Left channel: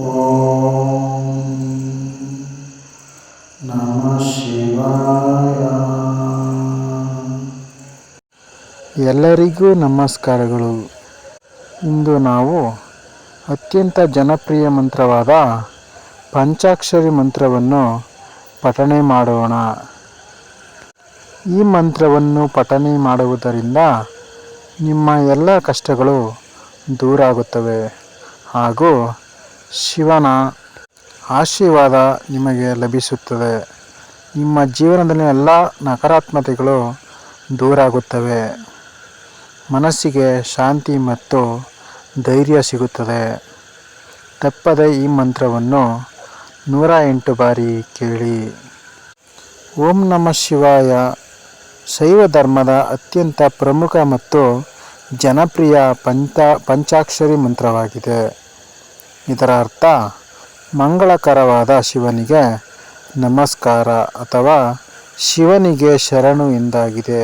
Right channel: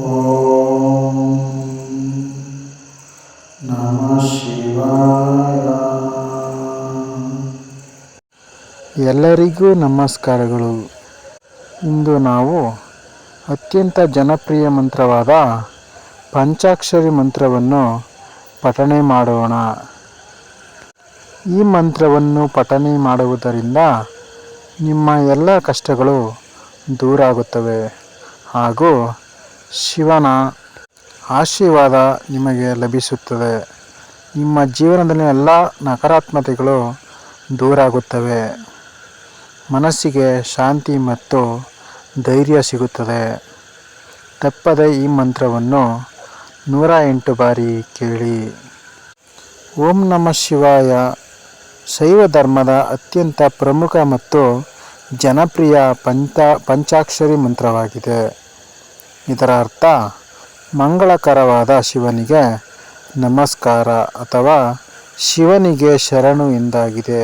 ಓಂ ನಮಃ ಶಿವಾಯ. ಎಲ್ಲರಿಗೂ ನಮಸ್ಕಾರಗಳು. ಇಂದು ನಾವು ಅತ್ಯಂತ ಜನಪ್ರಿಯ ಮಂತ್ರವಾದ ಪಂಚಾಕ್ಷರಿ ಮಂತ್ರವನ್ನು ಪಠನೆ ಮಾಡೋಣ. ಈ ಮಂತ್ರವನ್ನು ಪಠನೆ ಮಾಡುವುದರಿಂದ ನಿಮ್ಮ ಎಲ್ಲ ಕಷ್ಟಗಳು ದೂರಾಗುತ್ತವೆ ಹಾಗೂ ಶಿವನ ಆಶೀರ್ವಾದ ನಿಮಗೆ ಲಭಿಸುತ್ತದೆ. ನಿಮ್ಮ ಜೀವನದಲ್ಲಿ ಎಲ್ಲ ನಕಾರಾತ್ಮಕತೆಗಳು ದೂರಾಗುತ್ತವೆ. ಮನಸ್ಸಿಗೆ ಶಾಂತಿ ಮತ್ತು ಧೈರ್ಯ ಸಿಗುತ್ತದೆ. ತಪ್ಪದೆ ಈ ಮಂತ್ರವನ್ನು 108 ಬಾರಿ ಕೇಳಿ. ಓಂ ನಮಃ ಶಿವಾಯ ಶೈವ ಧರ್ಮದ ಅತ್ಯಂತ ಪ್ರಮುಖ ಮತ್ತು ಜನಪ್ರಿಯ ಪಂಚಾಕ್ಷರಿ ಮಂತ್ರವಾಗಿದೆ. ಇದರ ಅರ್ಥ ಮಂಗಳಕರವಾದ ಶಿವನಿಗೆ ನಮಸ್ಕಾರ ಅಥವಾ ಶಿವನಿಗೆ ಶರಣು ಎಂದಾಗಿದೆ.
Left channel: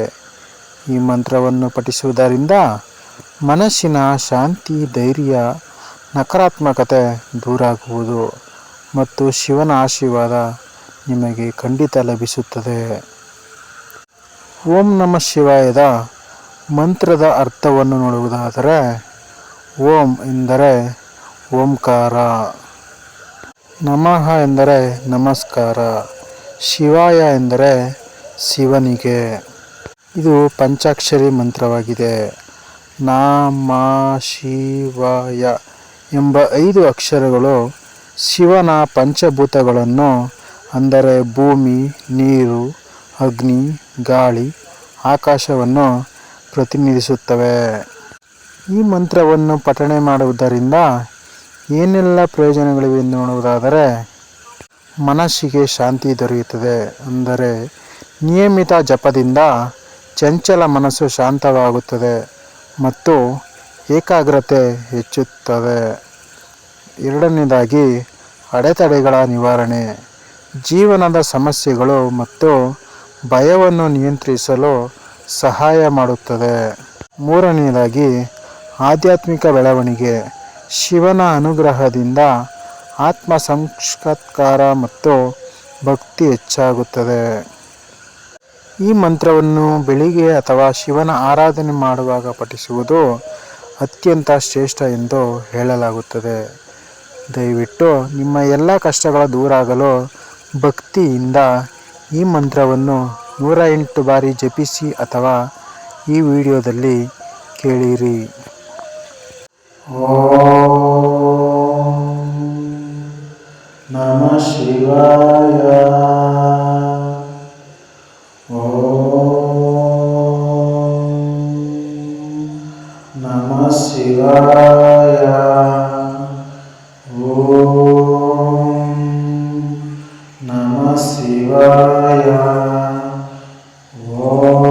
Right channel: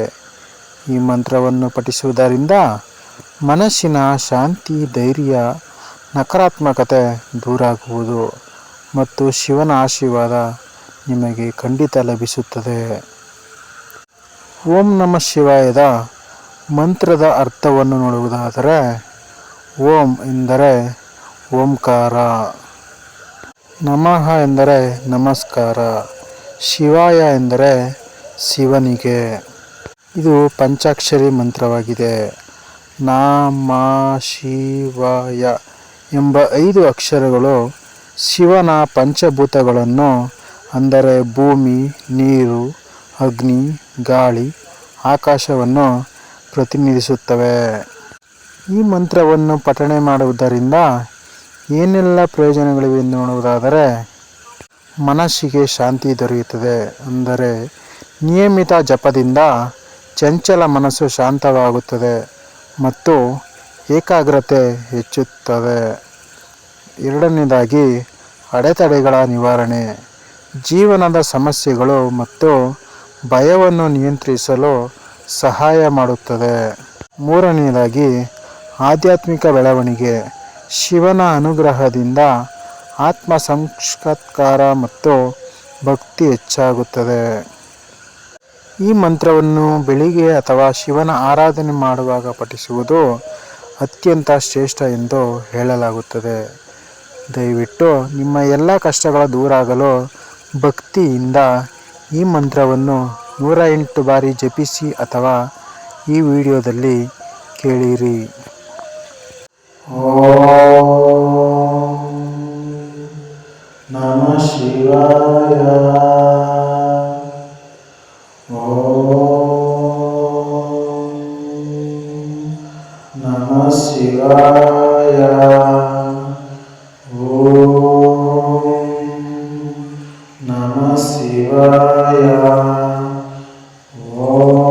ಈ ಮಂತ್ರವನ್ನು ಪಠಿಸುವುದರಿಂದ ಮನಸ್ಸಿನ ಶಾಂತಿ, ಧೈರ್ಯ, ನಕಾರಾತ್ಮಕತೆ ದೂರಾಗುವುದು ಮತ್ತು ಶಿವನ ಆಶೀರ್ವಾದ ನಿಮಗೆ ಖಂಡಿತ ಲಭಿಸುತ್ತದೆ. ಓಂ ನಮಃ ಶಿವಾಯದ ಮಂತ್ರದ ಅರ್ಥವನ್ನು ನೋಡುವುದಾದರೆ, ಓಂ ಎಂದರೆ ಓಂಕಾರ, ನಮಃ ಎಂದರೆ ನಮಸ್ಕಾರ, ಶಿವಾಯ ಎಂದರೆ ಶಿವನಿಗೆ. ಇದು ಪಂಚಾಕ್ಷರಿ ಮಂತ್ರವಾಗಿದೆ. ನಮಃ ಶಿವಾಯ ಎಂಬ 5 ಅಕ್ಷರಗಳು ಶಿವನ ಪಂಚಭೂತಗಳನ್ನು ಅಂದರೆ ಭೂಮಿ, ನೀರು, ಅಗ್ನಿ, ಗಾಳಿ, ಆಕಾಶವನ್ನು ಪ್ರತಿನಿಧಿಸುತ್ತವೆ. ಈ ಮಂತ್ರವನ್ನು ಪಠನೆ ಮಾಡುವುದರಿಂದ ಏನೆಲ್ಲ ಪ್ರಯೋಜನಗಳಿವೆ ಎಂದು ನೋಡುವುದಾದರೆ, ಮನಸ್ಸಿಗೆ ಶಾಂತಿ ದೊರೆಯುತ್ತದೆ. ಅಂದರೆ ನಿಯಮಿತ ಜಪದಿಂದ ಚಂಚಲ ಮನಸ್ಸು ಶಾಂತವಾಗುತ್ತದೆ ಮತ್ತು ಏಕಾಗ್ರತೆ ಹೆಚ್ಚುತ್ತದೆ. ಎರಡನೇದಾಗಿ ಅಡೆತಡೆಗಳ ನಿವಾರಣೆ, ಜೀವನದ ಸಮಸ್ಯೆಗಳು ಮತ್ತು ಭಯವನ್ನು ನಿಯಂತ್ರಿಸಲು ಸಹಾಯ ಮಾಡುತ್ತದೆ. ಮೂರನೆಯದಾಗಿ ಆಧ್ಯಾತ್ಮಿಕ ಬೆಳವಣಿಗೆ, ಶಿವನ ಅನುಗ್ರಹದಿಂದ ಆತ್ಮ ಸಾಕ್ಷಾತ್ಕಾರ ಮತ್ತು ಭಕ್ತಿ ಹೆಚ್ಚಾಗುತ್ತದೆ. ಈ ಮಂತ್ರವನ್ನು ಬೆಳಿಗ್ಗೆ ಅಥವಾ ಶಿವನ ಆರಾಧನೆ ಮಾಡುವಾಗ ಪಠಿಸುವುದು ಅತ್ಯಂತ ಶ್ರೇಷ್ಠ ಎಂದು ಹೇಳಲಾಗುತ್ತದೆ. ದಯವಿಟ್ಟು ನಿಮ್ಮ ಎಲ್ಲ ಕಷ್ಟಗಳ ದೂರಾಗಲು ಭಕ್ತಿಯಿಂದ ಈ ಮಂತ್ರವನ್ನು 108 ಬಾರಿ ಜಪಿಸಿ ಅಥವಾ ಈ ವಿಡಿಯೋದಲ್ಲಿ ಕೇಳಿರಿ. ಓಂ ನಮಃ ಶಿವಾಯ. ಓಂ ನಮಃ ಶಿವಾಯ. ಓಂ ನಮಃ ಶಿವಾಯ. ಓಂ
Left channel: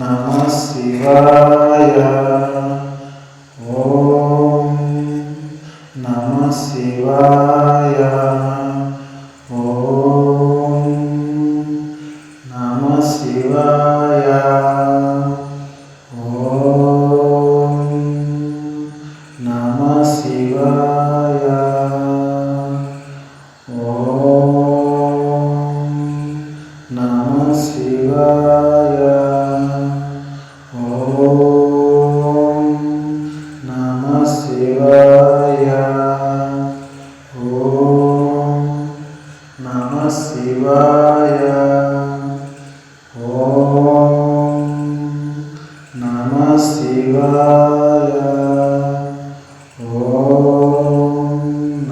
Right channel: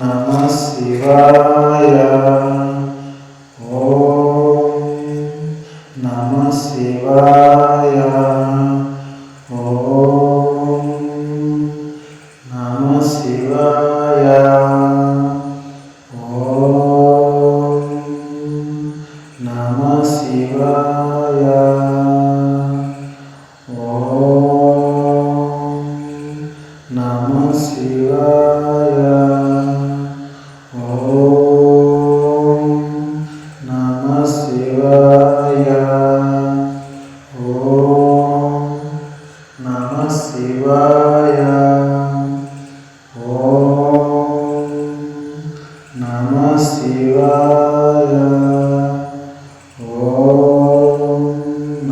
ನಮಃ ಶಿವಾಯ. ಓಂ ನಮಃ ಶಿವಾಯ. ಓಂ ನಮಃ ಶಿವಾಯ. ಓಂ ನಮಃ ಶಿವಾಯ. ಓಂ ನಮಃ ಶಿವಾಯ. ಓಂ ನಮಃ ಶಿವಾಯ. ಓಂ ನಮಃ ಶಿವಾಯ. ಓಂ ನಮಃ ಶಿವಾಯ. ಓಂ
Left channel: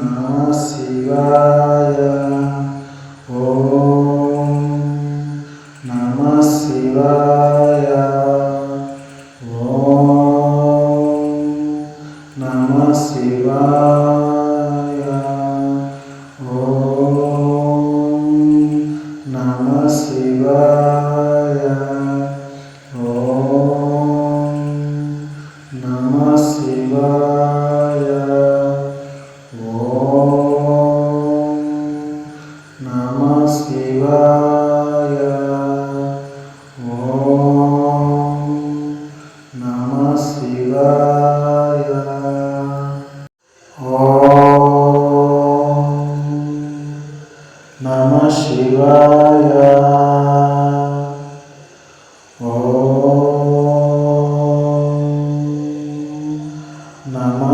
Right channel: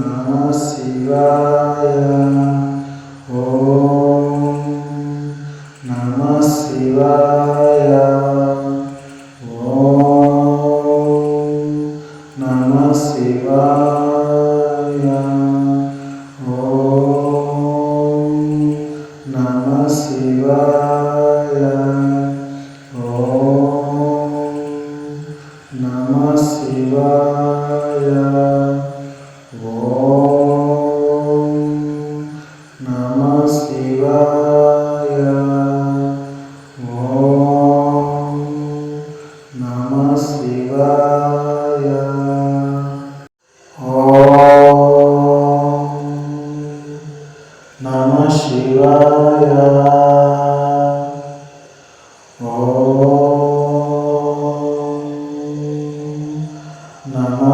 ನಮಃ ಶಿವಾಯ. ಓಂ ನಮಃ ಶಿವಾಯ. ಓಂ ನಮಃ ಶಿವಾಯ. ಓಂ ನಮಃ ಶಿವಾಯ. ಓಂ ನಮಃ ಶಿವಾಯ. ಓಂ ನಮಃ ಶಿವಾಯ. ಓಂ ನಮಃ ಶಿವಾಯ.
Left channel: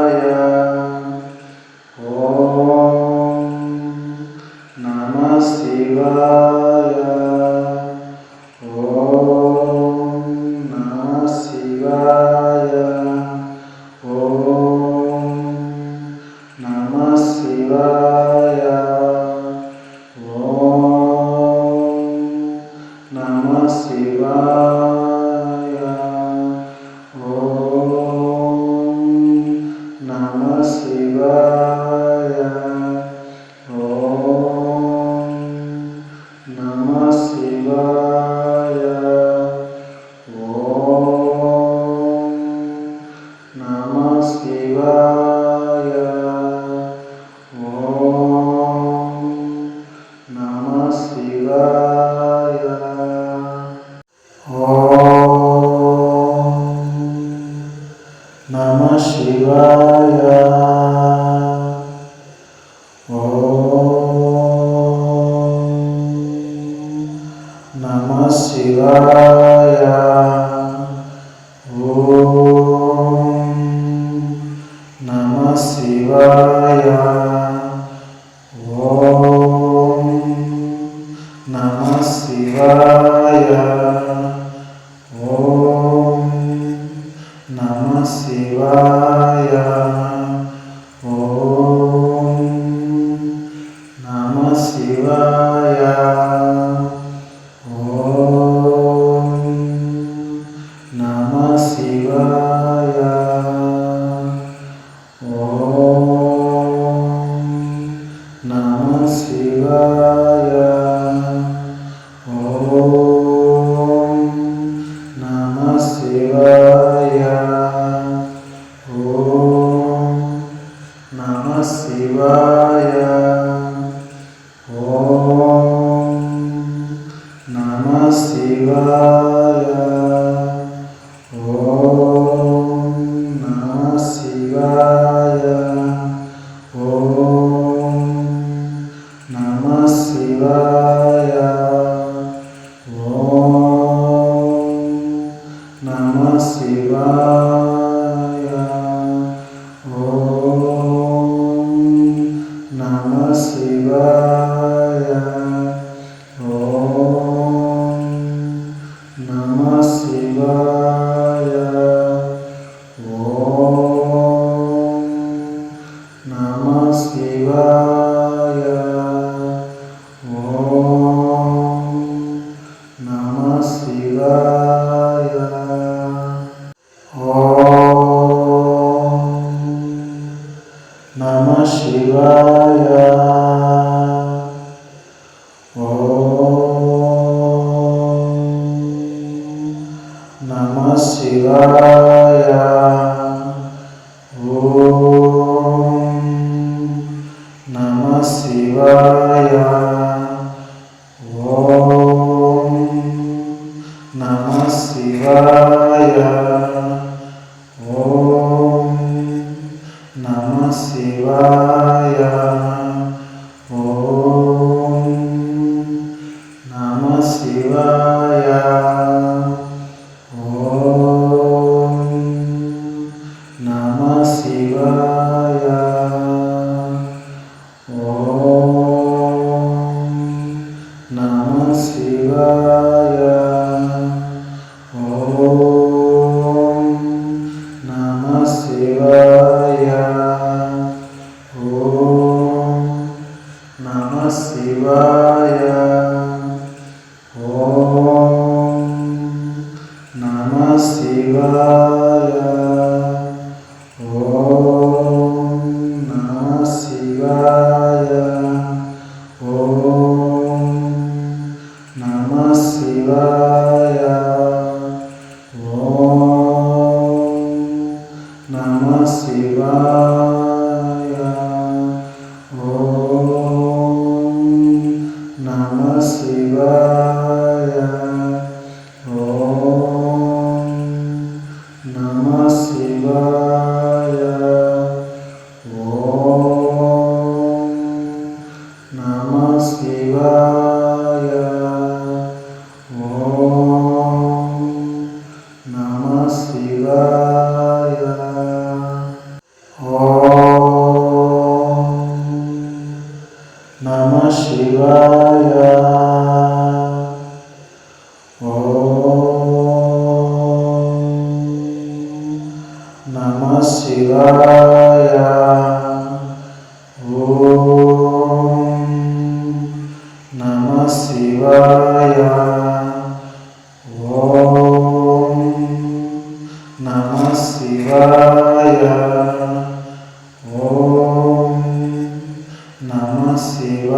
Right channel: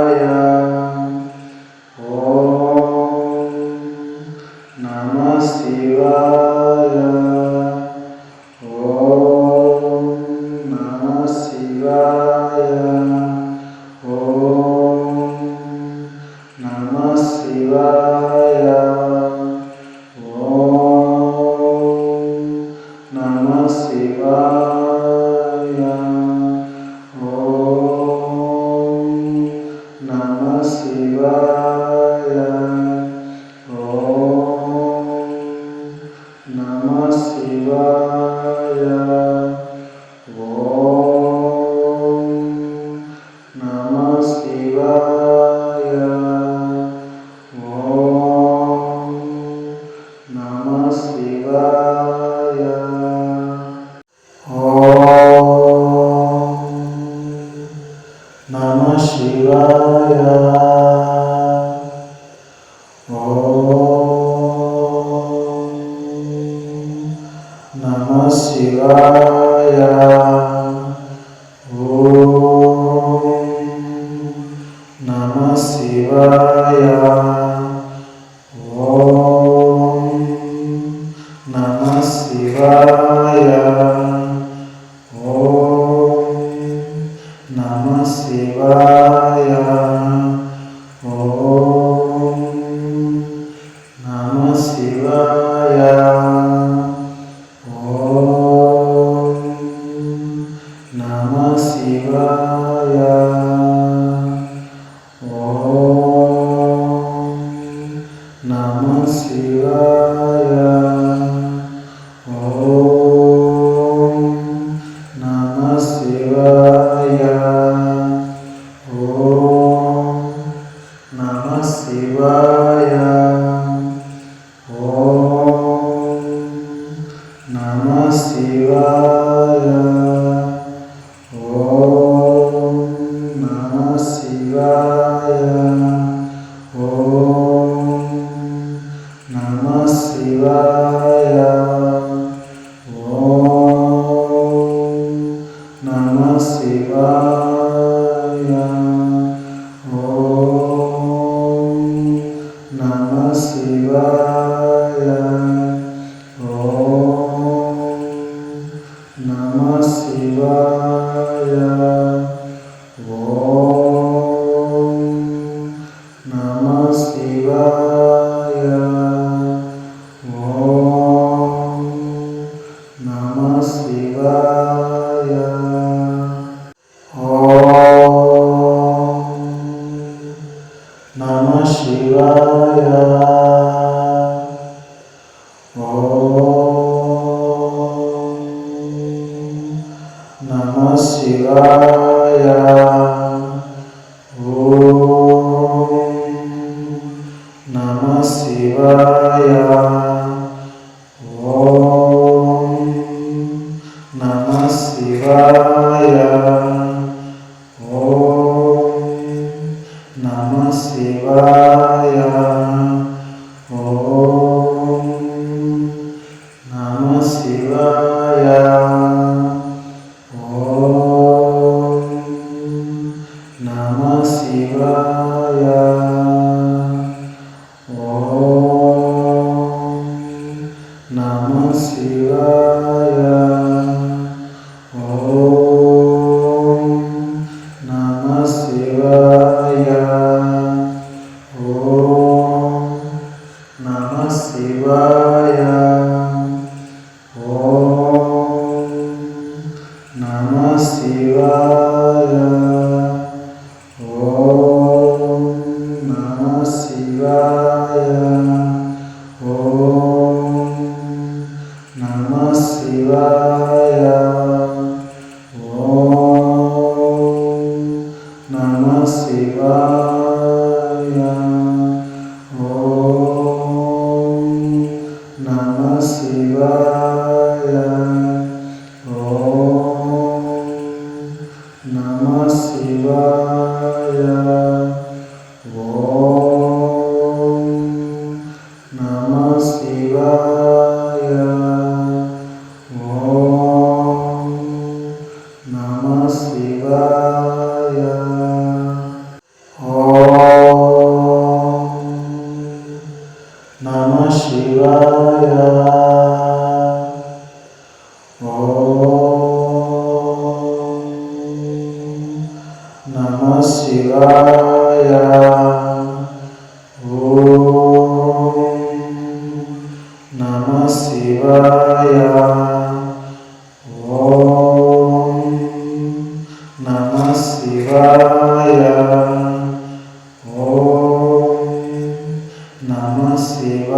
Namah Shivaya.